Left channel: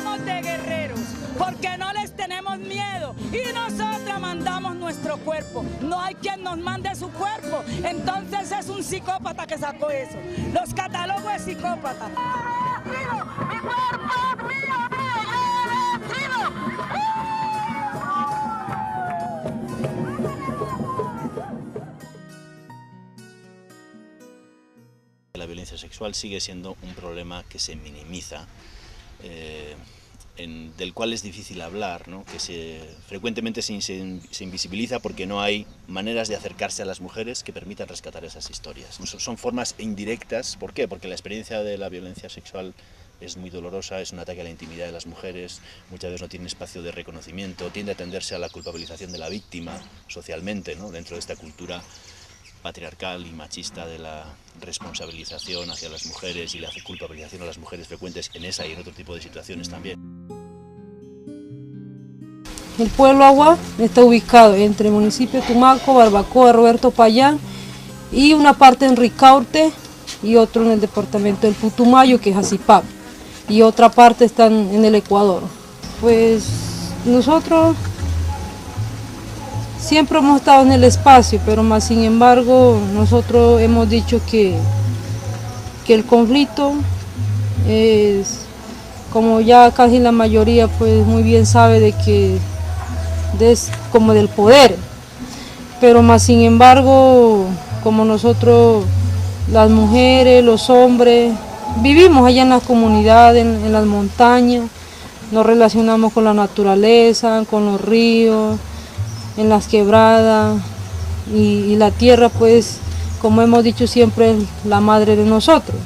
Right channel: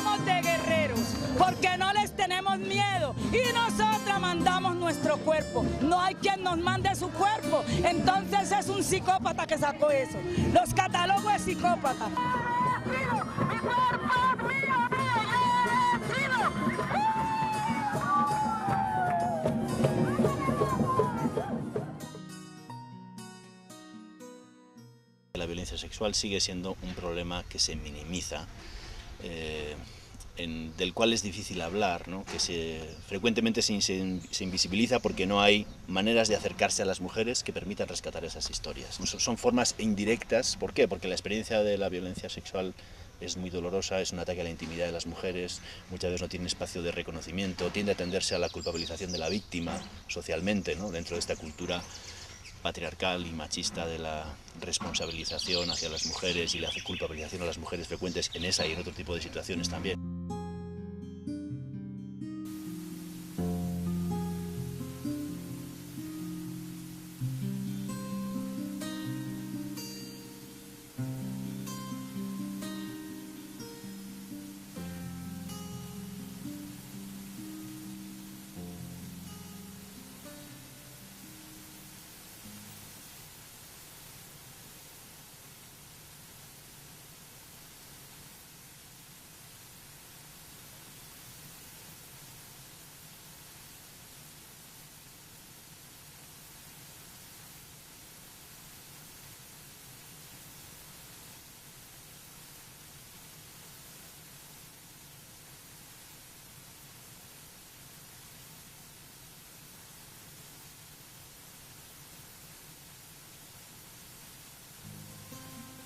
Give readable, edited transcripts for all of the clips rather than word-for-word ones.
somos de guerreros, porque no les tenemos miedo y nosotras mandamos nuestro cuerpo. No hay quien nos mande su cuerpo. Entonces es un psicópata que sacó eso. Los catalogos de psicópata. ¡Mi cuerpo es mío, La violencia sexual sigue siendo un problema que se minimiza, del cual es difícil hablar, ¿no? Que frecuentemente se invisibiliza porque no hay maneras de acercarse a las mujeres que permitan rescatar esas historias. Son formas indirectas. ¿Por qué? Porque la experiencia de la violencia sexual es muy dolorosa, es un ataque a la intimidad de las mujeres, muchas veces no tiene espacio de reconocimiento, tiende a tenderse a la culpabilización de la víctima socialmente, ¿no? Dentro de esta cultura patriarcal y machista de la responsabilización hacia las mujeres y la culpabilización a las mujeres frecuentes en esa y en otro tipo de situaciones también. El pueblo Agua está ubicado entre el municipio de Tumaco, Barbacoa, Roberto Payán y una parte en Ricaurte y otro en el departamento del Putumayo, que es Azipap, y otra parte está en el Ecuador. Pues nosotros siempre hemos estado en el espacio, pero más sin embargo nosotros hemos dicho que el conflicto es, como ya casi la mayoría pues muy bien sabe, de que es como del poder, pero más sin embargo como nosotros, las mujeres, los hombres, vivimos allá en las comunidades, en las montañas, nos relacionamos con la naturaleza, con los ríos, en las quebradas, y la tierra pues, como hemos dicho siempre, es la madre de nosotros.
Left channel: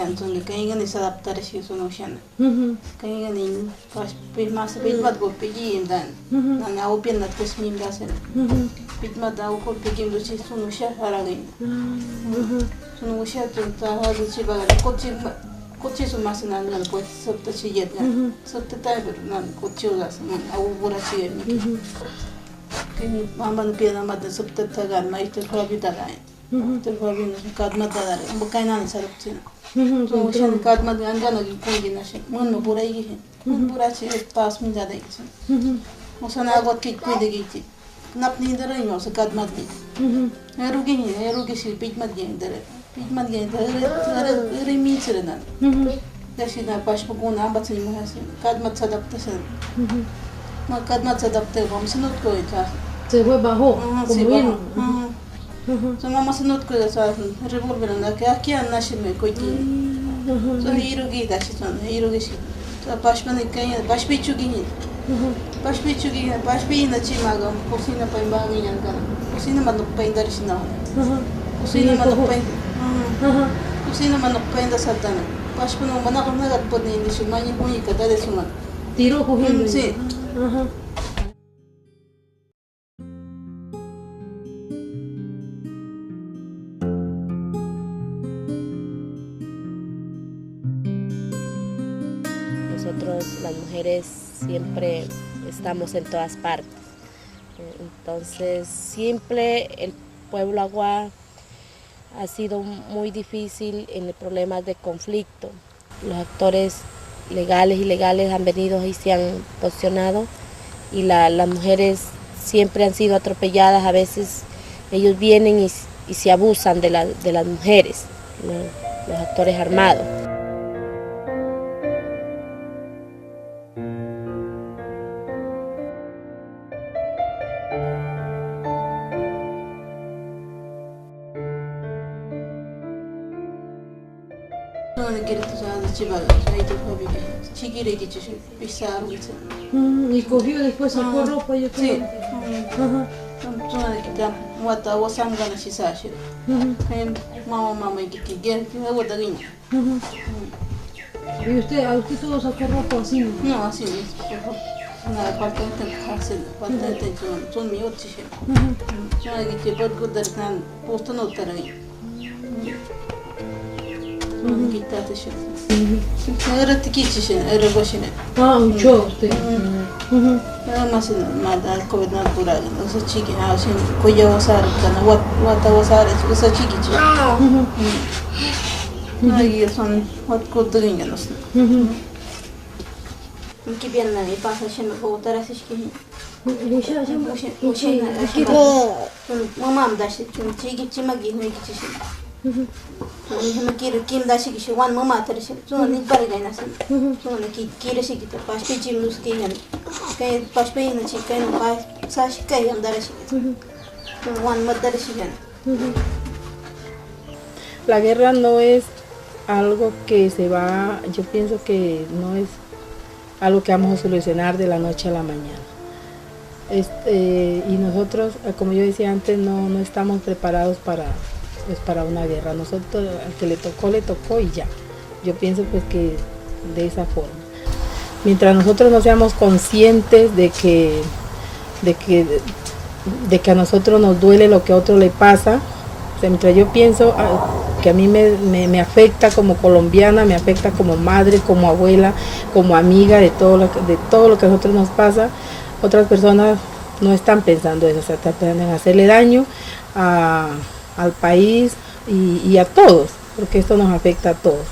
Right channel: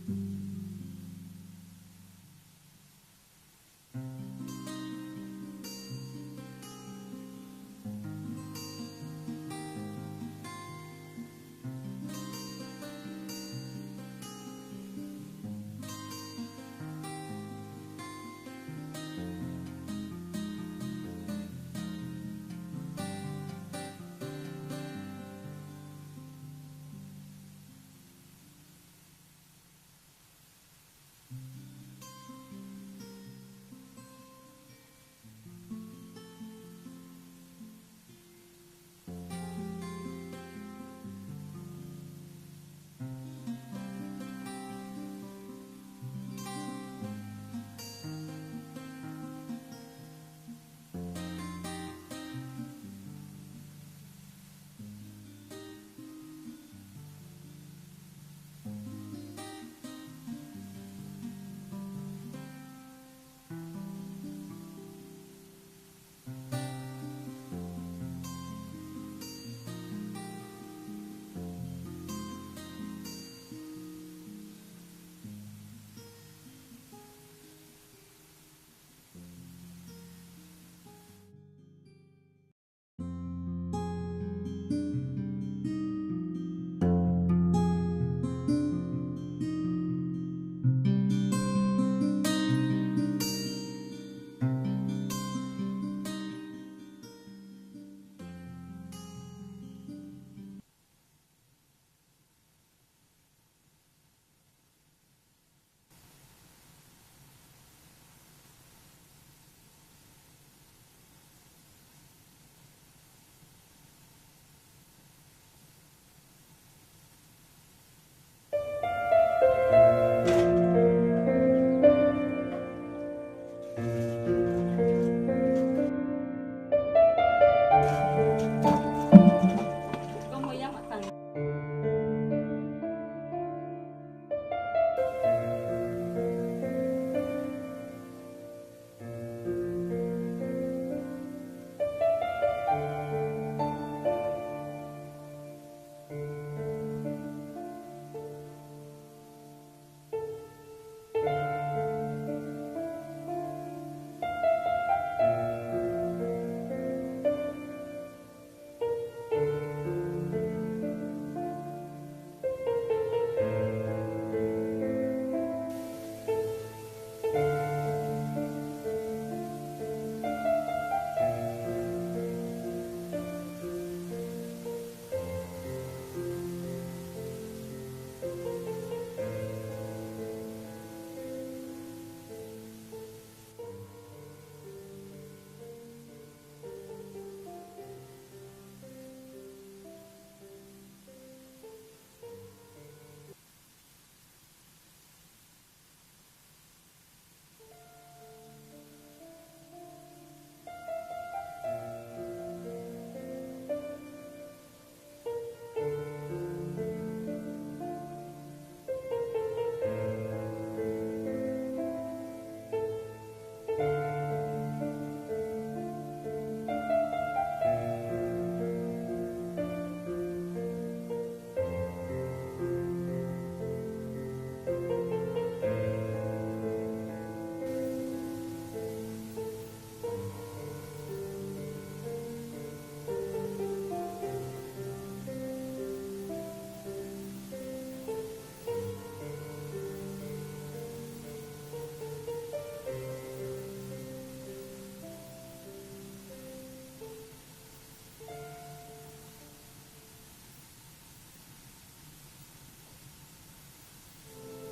Entonces, que hay que adaptar a eso no shana. Que hay que más pitmat go pigi dan. Dan au pienat que es mi base. Pitmat da au pigi lo si sunu sha haragin. Sunu sha ta hadu si baga coche su más nan pues sabta si yet. Sabta ta nan coche ulas au bura si mi. Que mama no piena mat sabta ta gan mai te ko vida dai. Te ko vida kadmat da dai. Am kainan saraptina. तो शान काट मत अंगा न कोई दिन से मन में बुरा ही है बुरा से पास में ज्यादा ही है मुझे ना आगत की कोई देगी थी नपनी इधर ही मुझे काट मत दी रुकी सी पीट मत गए इधर रिमीच रहना जैसे ना पास में कौन आम बच्चे मुझे से काट मत सदपते से मैं काट मत सदपते हम से नोट कोई था Se fue bajo, como vino. So mama sanot ko sa revolver na kaya kian na shime ko ti so hirugi da shi son hirugi shi so pashpan kaya pashpichu gi na chi magam kusina pa imbangi yan kan kusina manok pa indar shi na kusina manok pa indar sa tan pashpan manak na gat pod ni shi mani puni ka da suma Tiro cogiendo. Sí. Las mujeres siempre estamos en todas partes, entonces siempre el pueblo Agua ha sido muy difícil en problemas de conflicto. Los actores legales y ilegales han venido y se han posicionado y las mujeres siempre han sido atropelladas. A veces ellos vienen y se abusan de las mujeres, los actores armados. Y cogió después sacó ropa y todo. Sí. Wata wasam gana shi sashi. Kayan mama y que gen que wata guiña. ¿Y a usted todo sacó ropa así? No, así es. Una parte de son mi ocho. Yo le dije, "Puedo dar nan, puesto no tarai." Más nada COVID natural, no sé chiqui, así cuyo usar, kana wata usar, usa chiqui. Ahí son what kutuginya nos. Ki bien na mi pasa shema botar así chiqui. Mamá am dashi chiqui chimagi me kichi. Hema kira kim dashi kishi wan mama tarishi. So ni barga na sin. So na ki kira shi kita pas pe chimlus ki yan. Kay pas pe na chi kay no pas sa shi kay am darashi. Wan mat darashi yan. La guerra no es algo que se va, yo pienso que no es algo que vamos a solucionar de la noche a la mañana. Y nosotros, como yo decía antes, no estamos preparados para una guerra. Nosotros, al que le tocó y ya. Yo pienso pues que de esa forma. Mientras nosotros no seamos conscientes de que a nosotros nos duele lo que a otro le pasa, o sea, mientras yo pienso que a mí me afecta como colombiana, me afecta como madre, como abuela, como amiga de todo lo que a nosotros nos pasa, otras personas no están pensando eso, o sea, están pensando en hacerle daño al país y a todos, porque esto nos afecta a todos.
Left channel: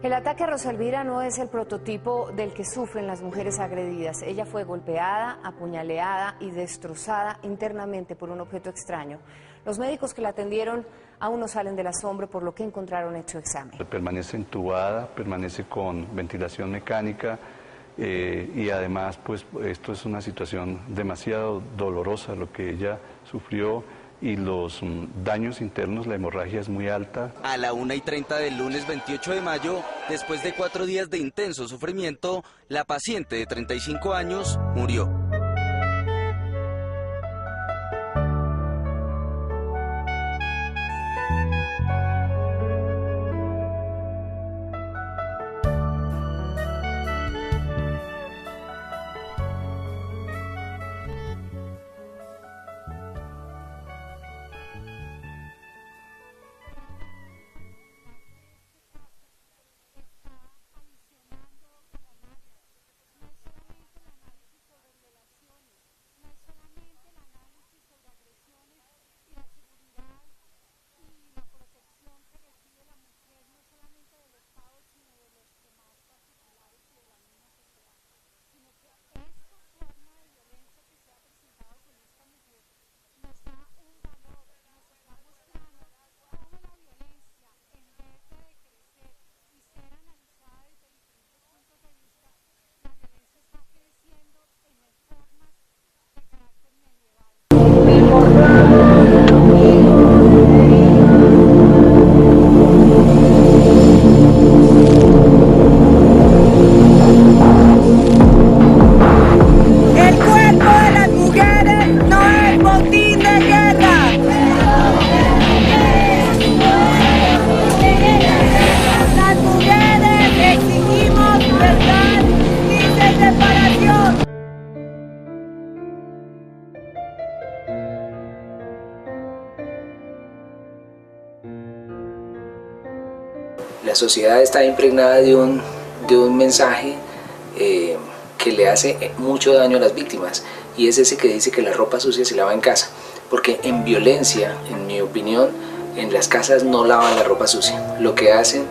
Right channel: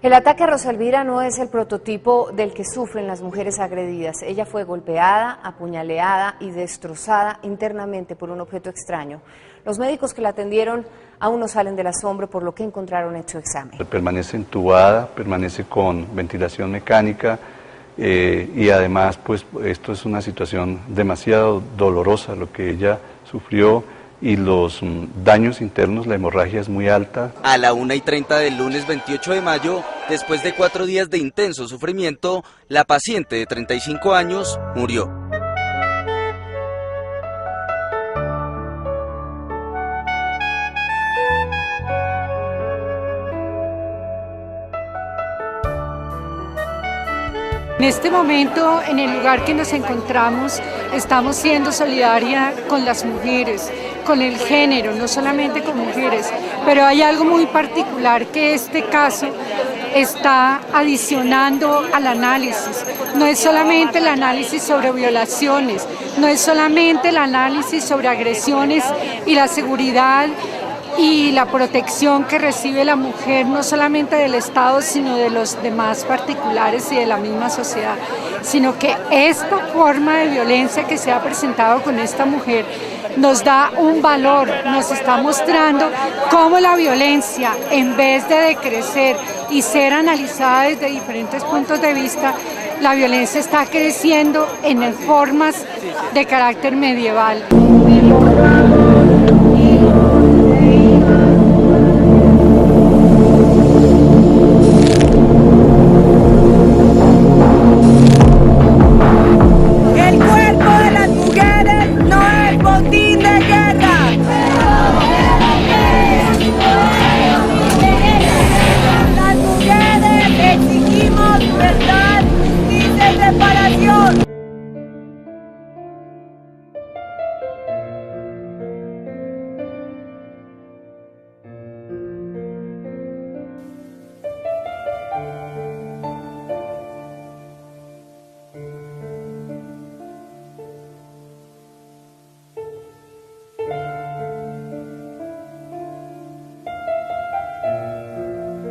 El ataque a Rosa Elvira no es el prototipo del que sufren las mujeres agredidas. Ella fue golpeada, apuñaleada y destrozada internamente por un objeto extraño. Los médicos que la atendieron aún no salen del asombro por lo que encontraron en su examen. Permanece entubada, permanece con ventilación mecánica y además pues esto es una situación demasiado dolorosa lo que ella sufrió. Y los daños internos, la hemorragia es muy alta. A la 1:30 del lunes 28 de mayo, después de 4 días de intenso sufrimiento, la paciente de 35 años murió. En este momento, en el lugar que nos encontramos, estamos siendo solidaria con las mujeres, con el género, no solamente con mujeres, pero hay algo muy particular que este caso está adicionando al análisis. No es solamente el análisis sobre violaciones, no es solamente el análisis sobre agresiones y la seguridad y la protección que recibe la mujer, no solamente del Estado, sino de los demás particulares y de la misma sociedad, sino que esta forma de violencia que se ha presentado con esta mujer nos da un valor, nos está mostrando cómo la violencia, en vez de decrecer y ser analizada desde diferentes puntos de vista, la violencia está creciendo en formas de carácter medieval. La sociedad está impregnada de un mensaje que le hace mucho daño a las víctimas, y es ese que dice que la ropa sucia se lava en casa, porque en violencia, en mi opinión, en las casas no lavan la ropa sucia. Lo que hacen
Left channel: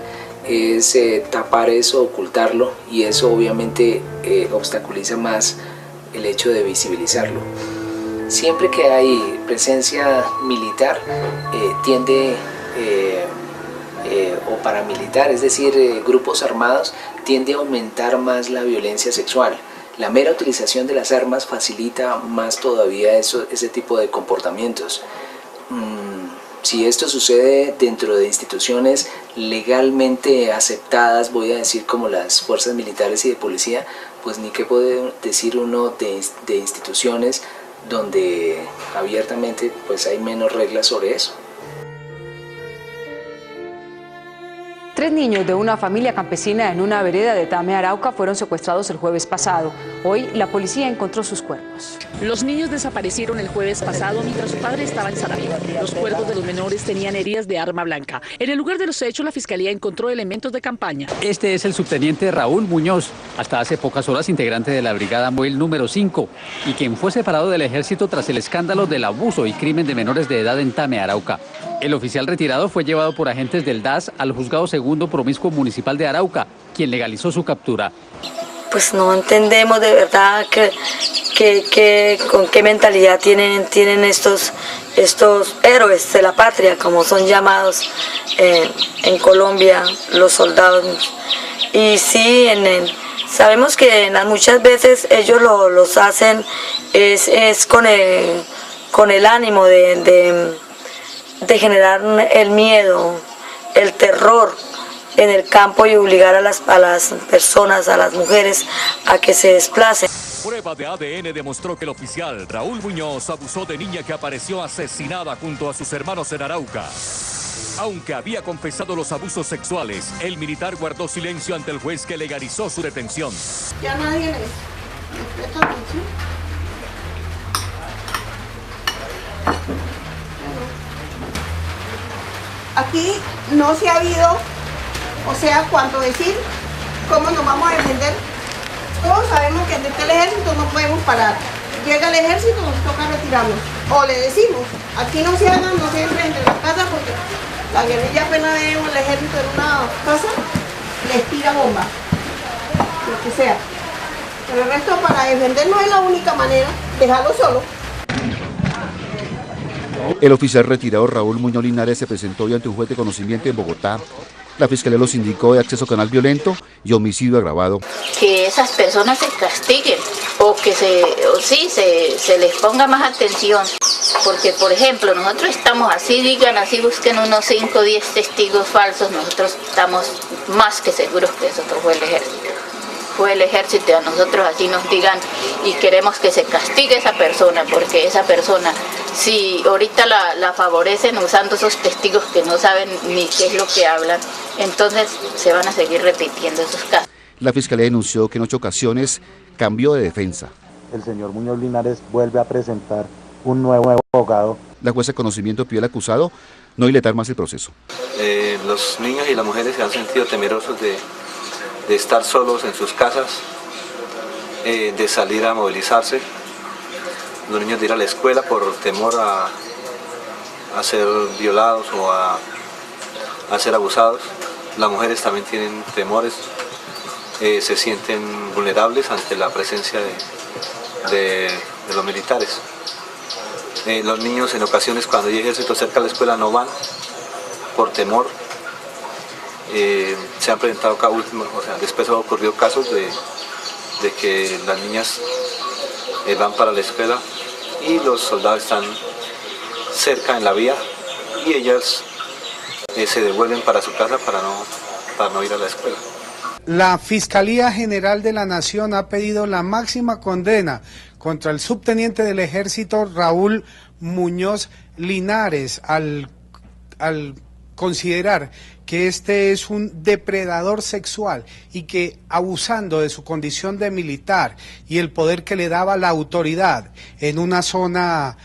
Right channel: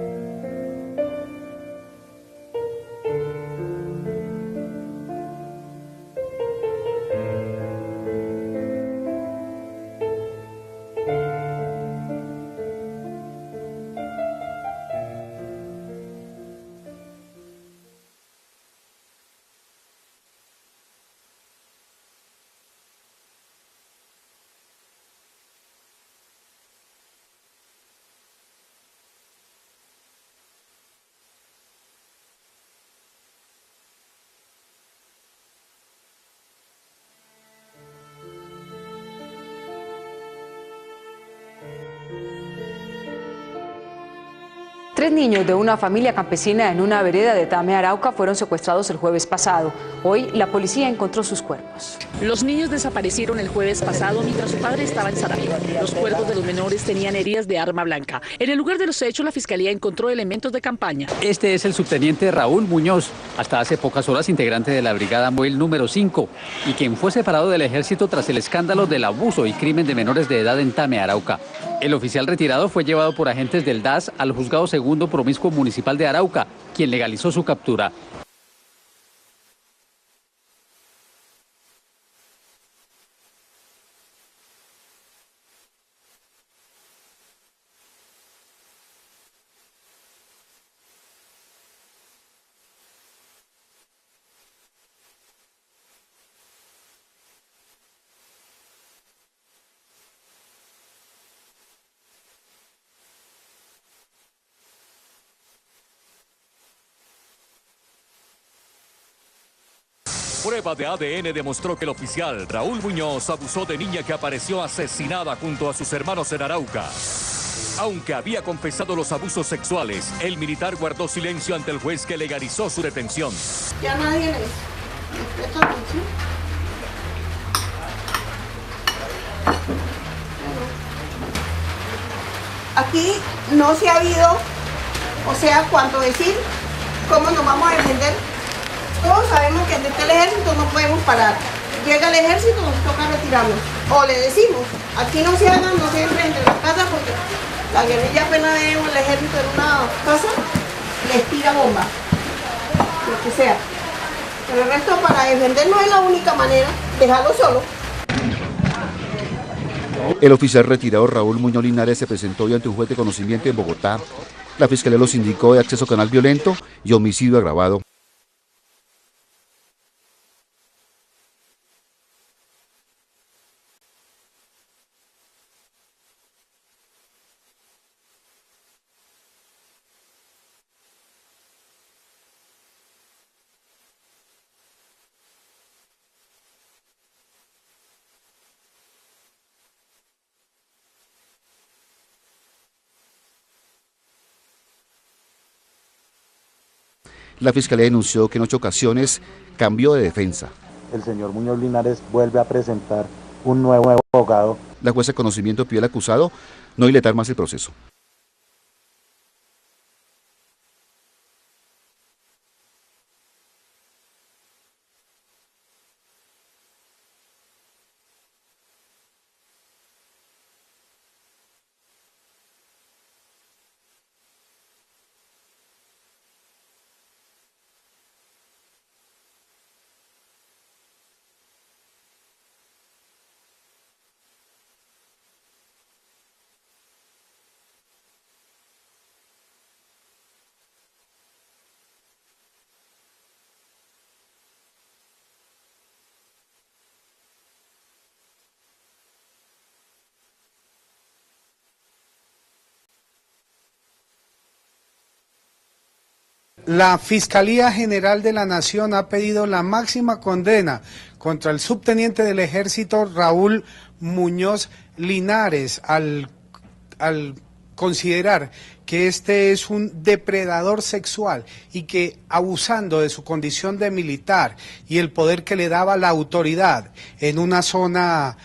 es tapar eso, ocultarlo, y eso obviamente obstaculiza más el hecho de visibilizarlo. Siempre que hay presencia militar, tiende o paramilitar, es decir, grupos armados, tiende a aumentar más la violencia sexual. La mera utilización de las armas facilita más todavía ese tipo de comportamientos. Si esto sucede dentro de instituciones legalmente aceptadas, voy a decir como las fuerzas militares y de policía, pues ni qué puede decir uno de instituciones donde abiertamente pues hay menos reglas sobre eso. 3 niños de una familia campesina en una vereda de Tame, Arauca, fueron secuestrados el jueves pasado. Hoy la policía encontró sus cuerpos. Los niños desaparecieron el jueves pasado mientras su padre estaba en Saravia. Los cuerpos de los menores tenían heridas de arma blanca. En el lugar de los hechos, la fiscalía encontró elementos de campaña. Este es el subteniente Raúl Muñoz, hasta hace pocas horas integrante de la brigada móvil número 5, y quien fue separado del ejército tras el escándalo del abuso y crimen de menores de edad en Tame, Arauca. El oficial retirado fue llevado por agentes del DAS al juzgado segundo promiscuo municipal de Arauca, quien legalizó su captura. Pues no entendemos de verdad con qué mentalidad tienen estos héroes de la patria, como son llamados en Colombia los soldados. Y sí, sabemos que muchas veces ellos los hacen es con el ánimo de generar el miedo, el terror en el campo y obligar a las personas, a las mujeres, a que se desplacen. Prueba de ADN demostró que el oficial Raúl Muñoz abusó de niña que apareció asesinada junto a sus hermanos en Arauca. Aunque había confesado los abusos sexuales, el militar guardó silencio ante el juez que legalizó su detención. Ya nadie le presta atención. Aquí no se ha habido, o sea, cuánto decir, cómo nos vamos a defender. Todos sabemos que desde el ejército no podemos parar. Llega el ejército, nos toca retirarnos. O le decimos, aquí no se hagan, no se entren entre las casas porque la guerrilla apenas ve el ejército en una casa, les tira bomba, lo que sea. Pero el resto, para defendernos es la única manera, dejarlo solo. El oficial retirado Raúl Muñoz Linares se presentó hoy ante un juez de conocimiento en Bogotá. La Fiscalía los indicó de acceso canal violento y homicidio agravado. Que esas personas se castiguen o que se les ponga más atención. Porque, por ejemplo, nosotros estamos así, digan así, busquen unos 5 o 10 testigos falsos, nosotros estamos más que seguros que eso fue el ejército. Fue el ejército y a nosotros así nos digan y queremos que se castigue esa persona, porque esa persona, si ahorita la favorecen usando esos testigos que no saben ni qué es lo que hablan, entonces se van a seguir repitiendo esos casos. La Fiscalía denunció que en 8 ocasiones cambió de defensa. El señor Muñoz Linares vuelve a presentar un nuevo abogado. La jueza de conocimiento pidió al acusado no dilatar más el proceso. Los niños y las mujeres se han sentido temerosos de estar solos en sus casas, de salir a movilizarse, los niños de ir a la escuela por temor a ser violados o a ser abusados. Las mujeres también tienen temores, se sienten vulnerables ante la presencia de los militares. Los niños en ocasiones cuando hay ejército cerca de la escuela no van por temor. Se han presentado acá después han ocurrido casos de que las niñas van para la escuela y los soldados están cerca en la vía y ellas se devuelven para su casa para no ir a la escuela. La Fiscalía General de la Nación ha pedido la máxima condena contra el subteniente del Ejército Raúl Muñoz Linares al considerar que este es un depredador sexual y que abusando de su condición de militar y el poder que le daba la autoridad en una zona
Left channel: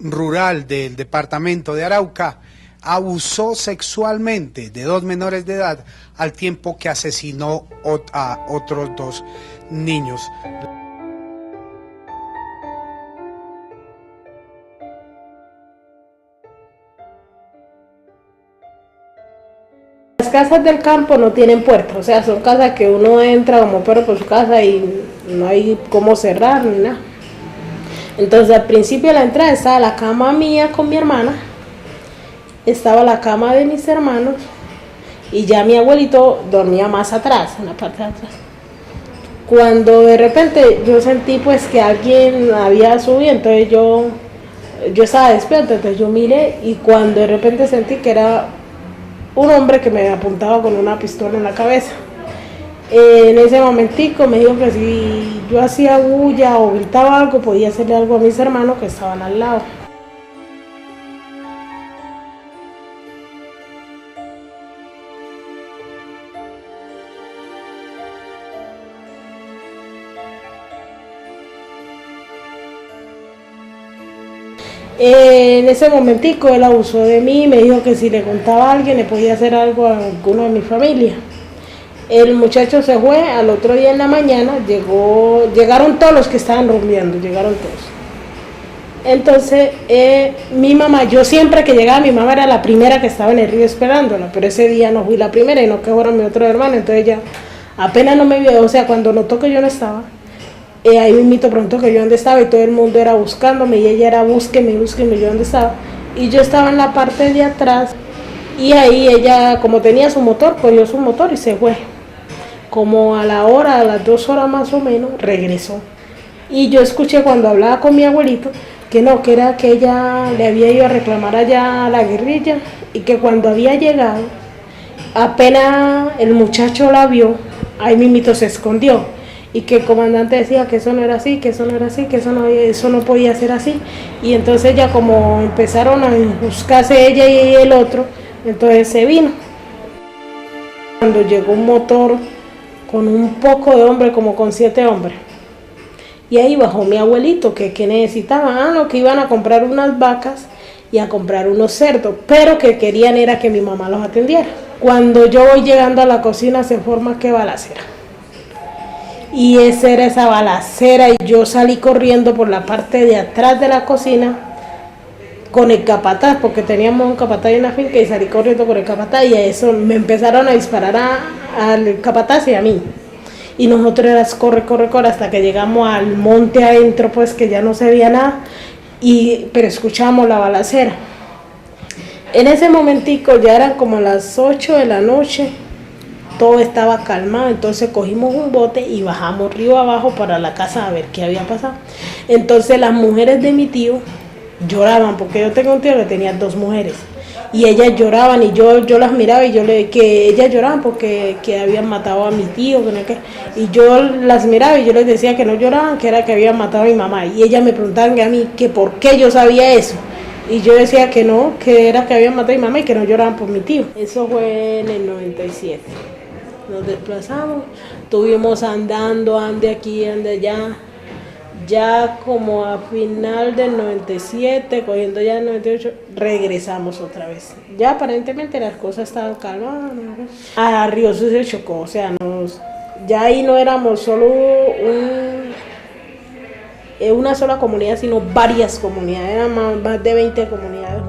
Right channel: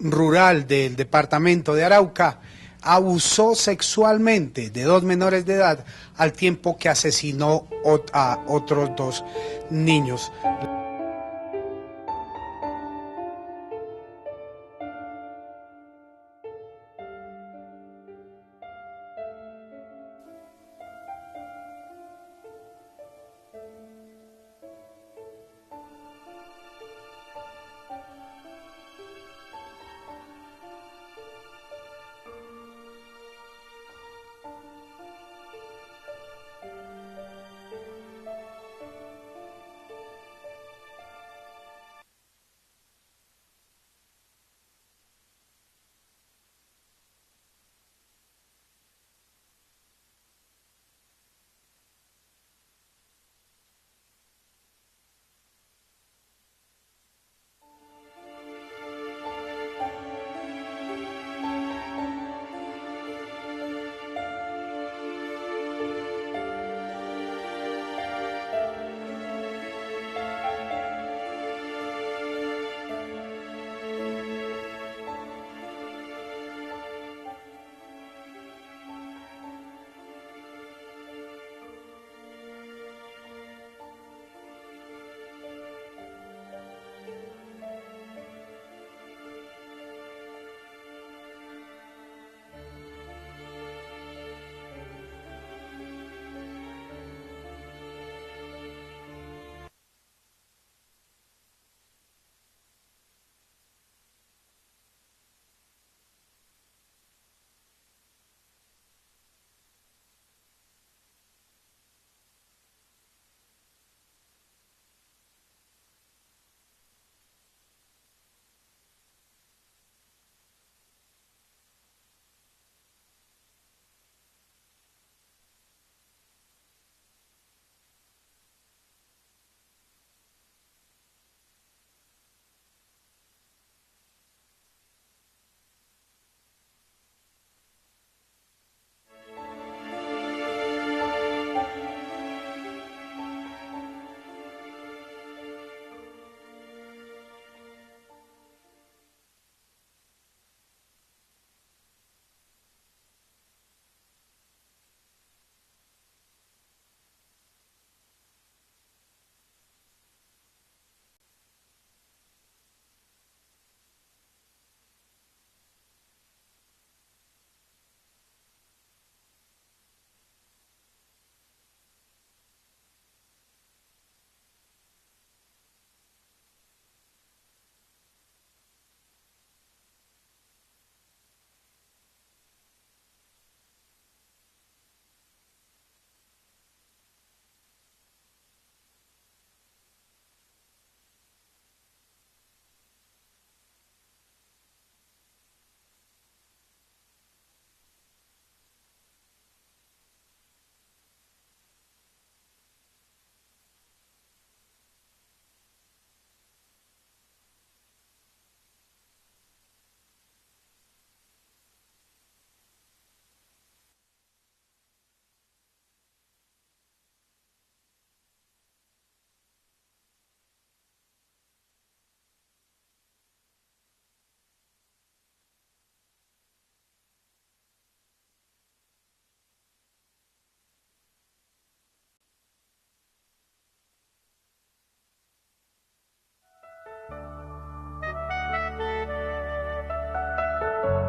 rural del departamento de Arauca, abusó sexualmente de 2 menores de edad al tiempo que asesinó a otros 2 niños. Las casas del campo no tienen puerta, o sea, son casas que uno entra como perro por su casa y no hay cómo cerrar ni nada. Entonces al principio de la entrada estaba la cama mía con mi hermana, estaba la cama de mis hermanos y ya mi abuelito dormía más atrás, en la parte de atrás. Cuando de repente yo sentí pues que alguien había subido, entonces yo yo estaba despierta, entonces yo miré y cuando de repente sentí que era un hombre que me apuntaba con una pistola en la cabeza. En ese momentico me dijo que si yo hacía bulla o gritaba algo, podía hacerle algo a mis hermanos que estaban al lado. En ese momentico él abusó de mí, me dijo que si le contaba a alguien le podía hacer algo a alguno de mi familia. El muchacho se fue, al otro día en la mañana llegaron todos los que estaban rumbeando, llegaron todos. Entonces mi mamá, yo siempre que llegaba, mi mamá era la primera que estaba en el río esperándola, pero ese día no fui la primera y no que fueron mi otro hermano, entonces ella apenas no me vio, o sea, cuando notó que yo no estaba, ahí mismito preguntó que yo dónde estaba y todo el mundo era buscándome y ella era búsqueme, yo dónde estaba. Y yo estaba en la parte de atrás y ahí ella, como tenía su motor, cogió su motor y se fue. Como a las 2 horas más o menos, regresó. Y yo escuché cuando hablaba con mi abuelito que no, que era que ella le había ido a reclamar allá a la guerrilla y que cuando había llegado, apenas el muchacho la vio, ahí mismito se escondió. Y que el comandante decía que eso no era así, que eso no era así, que eso no podía ser así. Y entonces ya como empezaron a buscarse ella y el otro, entonces se vino. Cuando llegó un motor con un poco de hombres, como con 7 hombres. Y ahí bajó mi abuelito, que necesitaban, que iban a comprar unas vacas y a comprar unos cerdos, pero que querían era que mi mamá los atendiera. Cuando yo voy llegando a la cocina se forma que balacera. Y esa era esa balacera y yo salí corriendo por la parte de atrás de la cocina con el capataz, porque teníamos un capataz en la finca y salí corriendo con el capataz y a eso me empezaron a disparar al capataz y a mí. Y nosotros eras corre hasta que llegamos al monte adentro, pues que ya no se veía nada, pero escuchamos la balacera. En ese momentico ya eran como las 8 de la noche, todo estaba calmado, entonces cogimos un bote y bajamos río abajo para la casa a ver qué había pasado. Entonces las mujeres de mi tío lloraban, porque yo tengo un tío que tenía 2 mujeres, y ellas lloraban y yo las miraba y que ellas lloraban porque que habían matado a mi tío, y yo las miraba y yo les decía que no lloraban, que era que habían matado a mi mamá, y ellas me preguntaban a mí que por qué yo sabía eso, y yo decía que no, que era que habían matado a mi mamá y que no lloraban por mi tío. Eso fue en el 97. Nos desplazamos, estuvimos andando, ande aquí, ande allá, ya como a final del 97, cogiendo ya el 98, regresamos otra vez. Ya aparentemente las cosas estaban calmadas, ¿no? A Río Sucio chocó, o sea, ya ahí no éramos solo una sola comunidad, sino varias comunidades, eran más de 20 comunidades.